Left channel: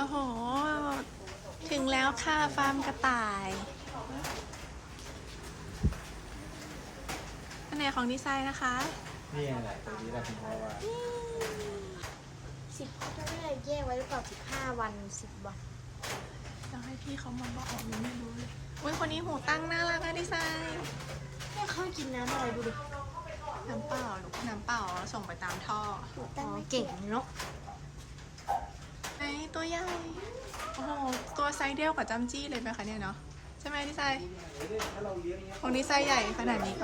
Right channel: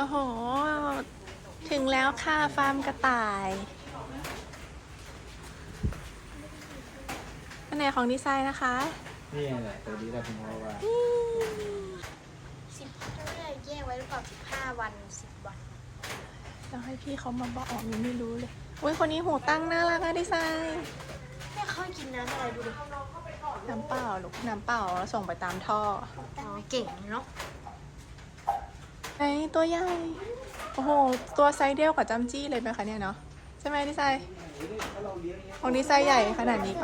โอ้โห ถึงแล้วค่ะฟาร์มกระต่ายอันไหนของดีไซน์นะคะนี่แหละตัวนี้แหละคุณพ่อว่าแยกไว้หรือเปล่า15 วัน10 วันต้องให้พี่เขามาบอกยังไม่รู้เลย อุ้ยคนนี้หูตั้งน่ารักอะดีไซน์ก็เข้ากินน้ำอะไรดูดิน้ำเปล่าลูกน้ำเปล่าแล้วส่งไปตามท่ออ๋อเก่งเนาะไอตัวใหญ่ โอ้โห ตัวไซส์เดียวกับจัมจี้เลยไหมคะเนี่ยเนาะ ใช่ไหมดีไซน์ของดีไซน์ใหญ่ขนาดนี้ปะ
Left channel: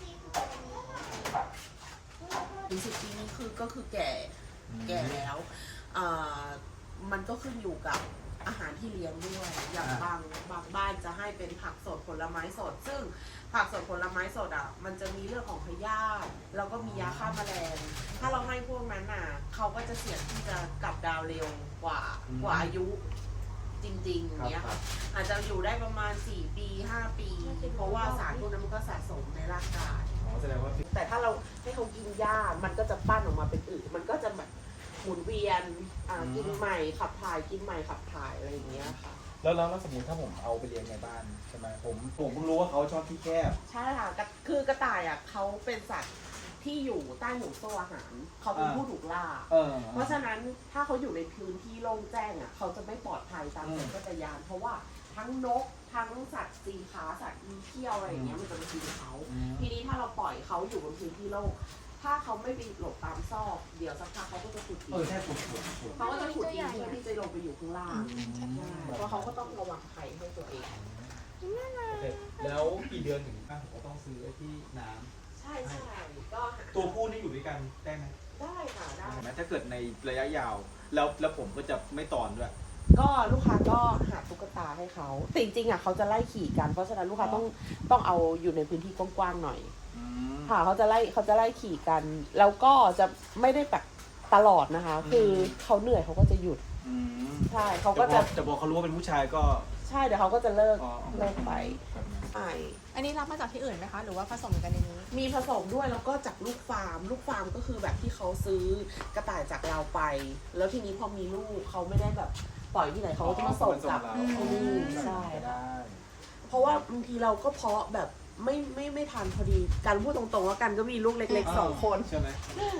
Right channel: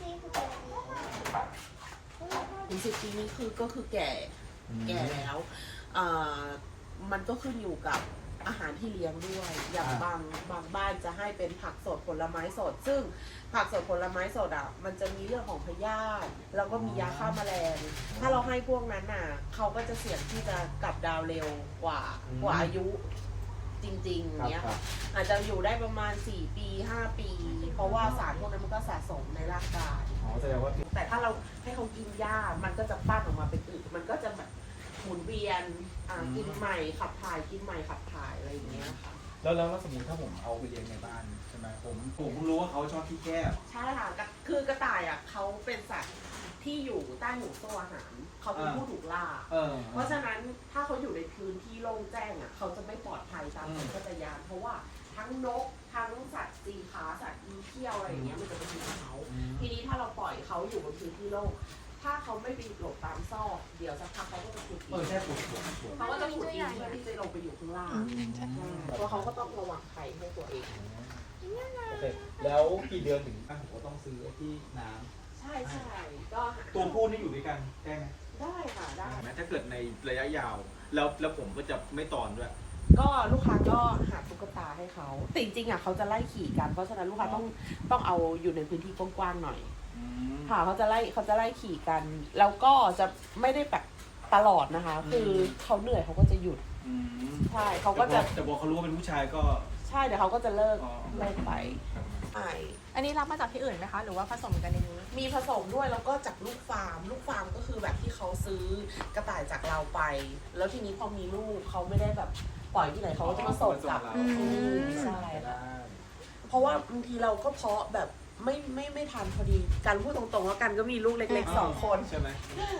ถึง10 ปีนี้ก็คือแก่แล้วมันก็ขึ้นอยู่กับอาหารที่เลี้ยงด้วยอย่างบางบ้านจะให้เป็นผักสดผลไม้สด ซึ่งผักสดผลไม้สดมันจะมีเรื่องของพยาธิแล้วก็มียาฆ่าแมลงถ้าเราให้พวกนั้นเขาก็จะเสี่ยงที่จะกลับดาวเร็วกว่าอายุจริงๆอย่างเงี้ยค่ะอาจจะอยู่ได้ประมาณ4 ปี 5 ปี เพราะว่าสารพวกนั้นมันก็สะสมในร่างกายอ๋อแสดงว่าแต่ถ้าเราให้เขากินหญ้ามันก็จะปั้นออกมาเป็นอื่นมันก็จะแบบหมุนเวียนกินใหม่ขับถ่ายกินใหม่ขับถ่ายอะไรอย่างเงี้ยค่ะแล้วสมมติถ้าผมเอาไปเลี้ยงในบ้านใช่ไหมผมเพิ่งรู้ว่าเขาชอบที่แคบใช่ค่ะคือกระต่ายเขาเป็นสัตว์ที่อยู่ใต้ห่วงโซ่อาหารเขาเป็นผู้ถูกล่าเพราะฉะนั้นถ้าเขาอยู่ในพื้นที่โล่งแจ้งเขาจะไม่ปลอดภัยตามสัญชาตญาณเพราะว่าทั้งนกทั้งสัตว์สีขาสัตว์อีเขี้ยวอะไรอย่างเงี้ยมันจะเป็นพื้นที่เขาทีนี้ถ้าเราปล่อยเขาอยู่บนพื้นที่โล่งถ้าเขาไม่ไปหลบตามซอกเดี๋ยวสักพักเขาก็จะขุดดินแค่ปวดเขาก็จะขุดดินเพื่อที่จะลงไปอยู่ข้างล่างเพราะเขาก็ต้องระวังภัยให้ตัวเองแล้วกี่เดือนถึงบ้านผมก็ต้องซื้อที่น้ำใช่ก็ตัวผู้นี่อยู่ด้วยกันได้ไหมได้ค่ะได้ถ้าเกิดในระยะยาว แล้วผมก็จะไม่ตอนด้วยก็ลูกค้าก็หาตุ๊กตาให้เขาแต่จริงๆเขาจะไล่ขี่กันเพราะฉะนั้นลูกค้าต้องเอาอยู่ในพื้นที่กว้างๆหน่อยค่ะเขาจะไล่ขี่กัน แล้วก็จะไม่ได้แบบตลอดนะคะ คือเขาเหนื่อยเขาก็จะหยุดใช่เขาก็จะบอกเขารู้ว่าเป็นผู้ชายก็ใช่เดี๋ยวเขาก็จะเลิกไปใช่อันนี้รับมาจากที่อื่นไหมคะ หรือว่าผสมกันในนี้มีผสมด้วยแล้วก็จากลูกฟาร์มก็คือแบบที่เขาซื้อกระต่ายจากเราไป แล้วทีนี้พอมีลูกเขาไม่ได้แบบปล่อยที่ไหนเขาก็จะมาส่งกลับใช่เพราะว่าบางทีเราก็เพาะแบบไม่ทันพอดีกันพูดตรงๆว่ากันก็มีลูกเล็กๆ2 คนใช่ไหม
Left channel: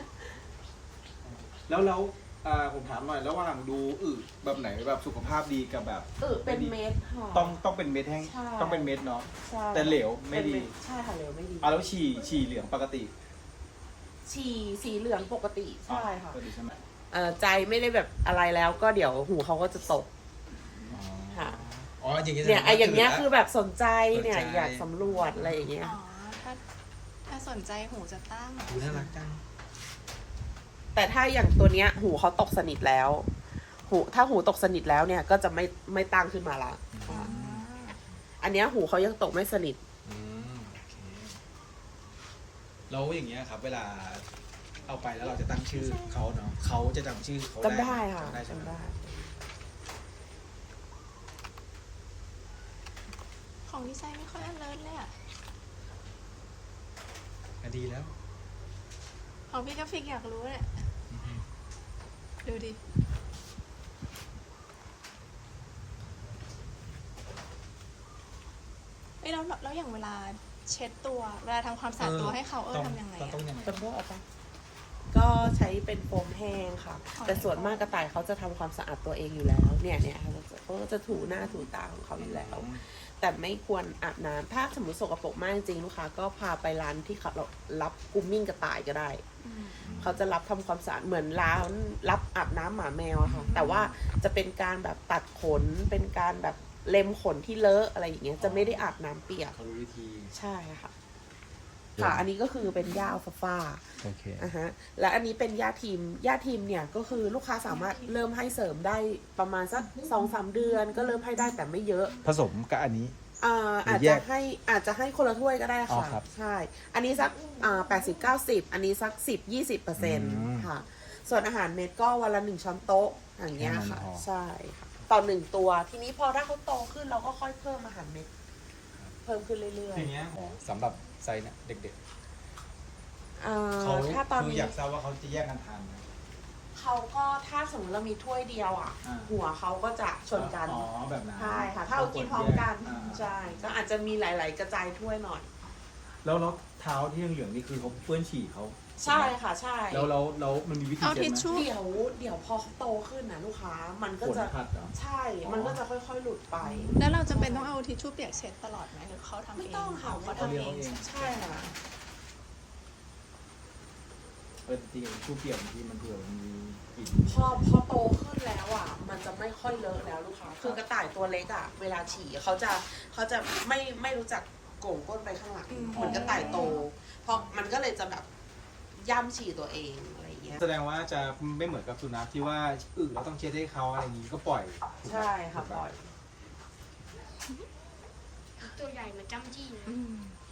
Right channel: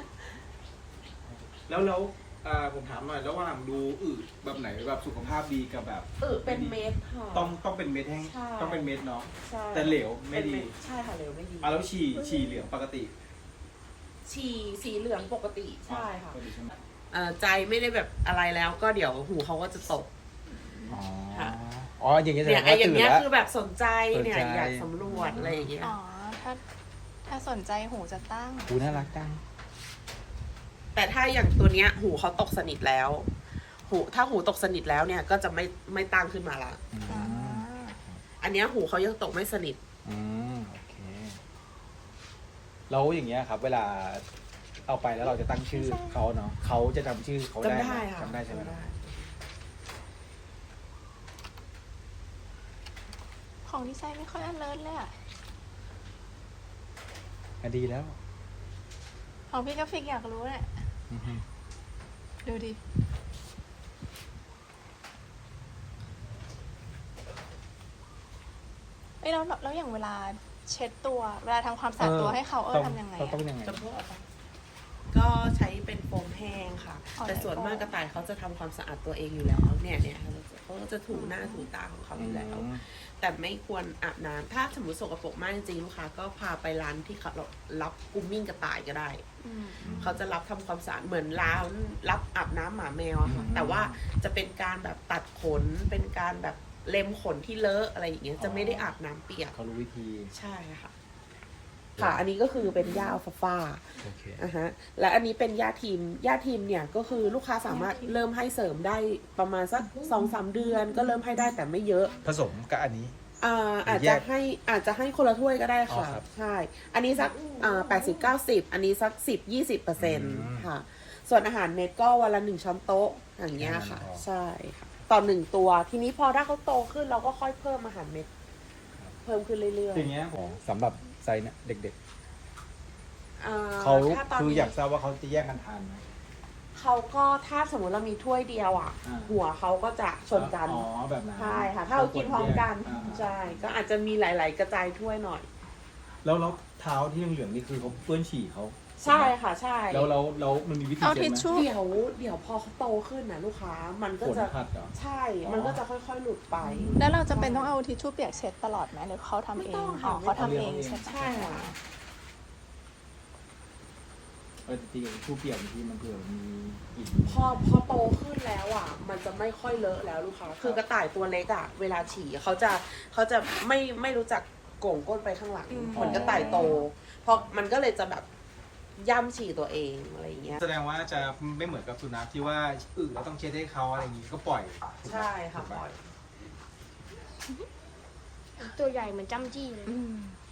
แล้วผมถามหน่อยแล้วว่าหลังดูแบบไหนแบบสุขภาพดีกับแบบเป็นเม็ดค่ะต้องเป็นเม็ดแห้งต้องเป็นเม็ดเนาะใช่แต่เหลวไม่ดีใช่ค่ะเหลวไม่ดีแล้วฉี่เหลืองปกติสีเหลืองปกติใช่ค่ะปกติใช่ไหมใจไม่ได้แบบอะไรแล้วก็เดี๋ยวหูเขาก็จะตก ค่ะอ๋ออย่างเงี้ยเนี่ยไอ้อย่างเงี้ยคือแบบสนใจเนี่ยอยากสำรวจอะไรอย่างเงี้ยอ๋อ ถ้าสนใจหูจะตั้งดูน่ารักจังแต่ถ้าอย่างตัวเนี้ยหูเขาตกสนิทแล้วถ้าหูตกสนิทแล้วเนี่ยก็จะไม่ตั้งขึ้นมาละอันเนี้ยหูเขายังตกไม่สนิทแล้วอย่างเงี้ยครับ เวลาเอาไปแล้วเราจะตั้งชื่อเขาเนาะเขาจะจำชื่อเขาจำได้ค่ะจำได้ใช่ไหมจำได้ของดีไซน์ไม่ค่อยอเลิร์เลยอะดีแล้วของพี่กราฟิกอยากรู้เนี่ยดูดิ เอ้ยแล้วอย่างเวลาเช็ดตัว เวลาทำความสะอาดตัวให้เขาทำยังไงอะต้องยังไงจำพวกอะไรก็ใช้เป็นโฟมแห้งค่ะอ๋อแต่ส่วนมากกระต่ายเขาจะทำความสะอาดตัวเองอยู่แล้วเนี่ยเขาก็จะถูหน้าถูตาของเขาอยู่แล้ว แต่ไม่ควรอาบน้ำถ้าสมมติสกปรกมากจริงลูกค้าก็พาไปร้านที่เขารับกรูมมิ่งกระต่ายก็ได้ เขาจะรับทำความสะอาดเหมือนร้านรับอาบน้ำหมาแมวอะค่ะแต่ว่าจะเป็นการแบบตัดขนเป็นการแบบเล็มขนที่เลอะอะไรอย่างเงี้ยจะไม่ได้อาบน้ำเปียกเขารู้วิธีใช่ค่ะค่ะอันนี้ก็คือเป็นหญ้าอัลฟาฟาโอเคและอันนี้เป็นหญ้าทีมเนี่ยก็คือลูกค้าสามารถเริ่มให้เสริมได้ประมาณสัก2-3 เดือนก็เริ่มให้ได้แต่ไม่เยอะผสมกับอันนี้อาจจะให้คนละถ้วยก็ได้ค่ะอ๋อครับใช่อันนี้สัก80-90อันนี้สัก10-20%ค่ะส่วนอาหารเม็ดก็วันละ1 ช้อนโต๊ะอย่างเงี้ยค่ะใช่ค่ะต่อ1 ตัวทีนี้พอถ้าเขาโตขึ้นเราก็ค่อยเพิ่มอาหารเม็ดเพิ่มขึ้นเรื่อยๆอย่างเงี้ยสำหรับไซส์เด็กๆเขาถ้าตอนคือนี้อยากทราบว่าเขาจะแยกกันทานไหมเขเขาก็ถ้าสมมติเรามีถ้วยเดียวอ่ะอ่าหัวเขาก็จะชนกันอ๋อแบบนั้นใช่ค่ะ ถ้าเรากินพร้อมกันอ่าใช่ ก็อาจจะมีหลาย ๆ กระจายถ้วยหน่อยแล้วเท้าที่เหลืองๆนี่คือเขาเปื้อนฉี่เขาใช่ค่ะ ใช่แล้วมันมีวิธีเอาเช็ทิดชไหมชู่เดี๋ยวพอเขาโตขึ้นนะลูกค้า มันก็ฝนจะพัดเหรอใช่ มันก็จะค่อย ๆ หลุดไปแล้วเราจะเป็นต้องเอาทิชชู่เปียกเช็ดตลอดไหมหรือเขาทำเอง อ๋อเขาทำเองใช่ไหมใช่ค่ะที่ชู่เปียกที่มันเผื่อมีกลิ่นพอโตขึ้นแล้วอ่ะ มันจะไม่ค่อยเลอะแล้วลูกค้า คือกระต่ายตัวเล็กอ่ะ เวลาฉี่เขาจะไม่รู้จักโก่งก้นไปข้างหลังเหมือนกระต่ายโต เพราะมันก็เลยจะแบบย่ำฉี่ตัวเองอะไรอย่างเงี้ยแสดงว่าจะไม่เหมือนกับสุนัขที่ว่าเราต้องเช็ดให้เขาอะไรอย่างนี้ก็ปล่อยใช่ค่ะปล่อยตัวใหญ่เหมือนจ้ำจี้เลยอืม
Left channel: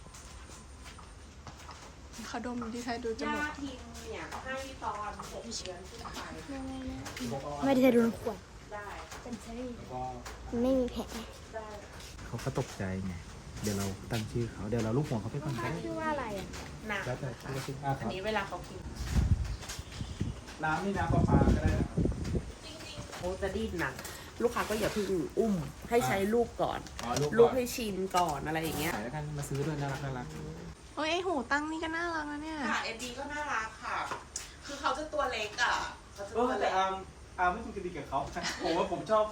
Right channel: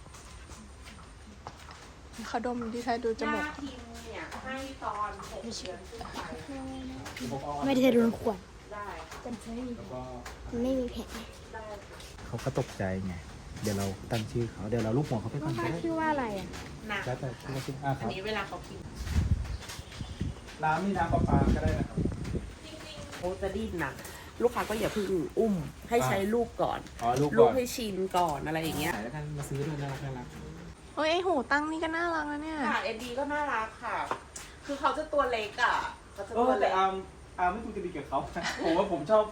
เขาดมที่ไทยดูจหมูน้าก พิมพ์เนี่ยให้ตอน6 เดือนขึ้นไปไม่ได้โดนขวดได้ค่ะแล้วก็ไม่มีแผลได้เขาก็ตกใจไงเดี๋ยวเราตั้งชื่อเขาเดี๋ยวเราลูกหัวเขาไปก่อนก็ได้ชื่อว่าอะไรอ่ะนะแล้วแต่ชื่อว่าชื่อคอัรันบนี้เวลาเขากินน้ำนี่น้ำประปาก็ได้นะครับเขาจะดิ้นนะลูกค้าก็อย่าเพิ่งอุ้ม ให้ใช้ลูกก่อนอ๋อลูกลูกก่อนให้ชินก่อนอะไรอย่างเงี้ยขายแล้วกันมาซื้อด้วยน่ารักน่ารักโอ้ยไอหูตั้งนี่ก็น่ารักนะเนี่ยค่ะเอ็ดดีก็น่ารักค่ะ คือเขาจะตัวเล็กอ่ะเขาจะเอตัวอแต่เล็กอาร์มไม่คุยกันดีกับเขาผมว่าผมชอบ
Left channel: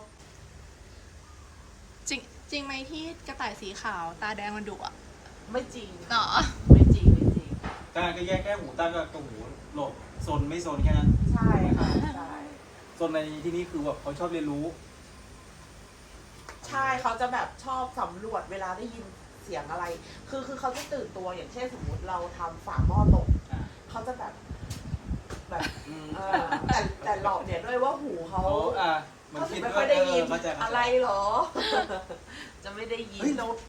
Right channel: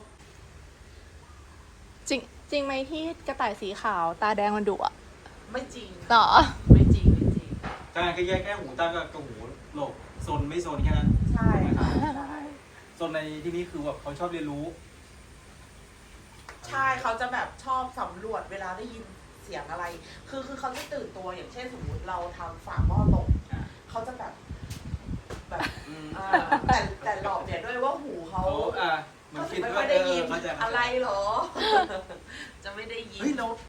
จริงไหมที่กระต่ายสีขาวตาแดงมันดุอ่ะไม่จริงต่อไม่จริงไม่จริงการก็แยกแค่หูตั้งกับหูหลบโซนไม่โซนแค่นั้นใช่ค่ะโซนในที่นี้คือแบบเขาชอบเรียนรู้ใช่เขาจะแบบชอบสำรวจเวลาได้ยินเสียงอะไร คือเขาจะตื่นตัวอย่างเช่นสมมติเราทำฝาหม้อตก เขาจะแบบแต่หลอกเนี่ยด้วยว่าหูเขาโอ้มันเขาคิถึดงไม่ว่าค่อยได้ยินมันจะอะไรเหรอ จะไม่ได้ยินเฮ้ยเรา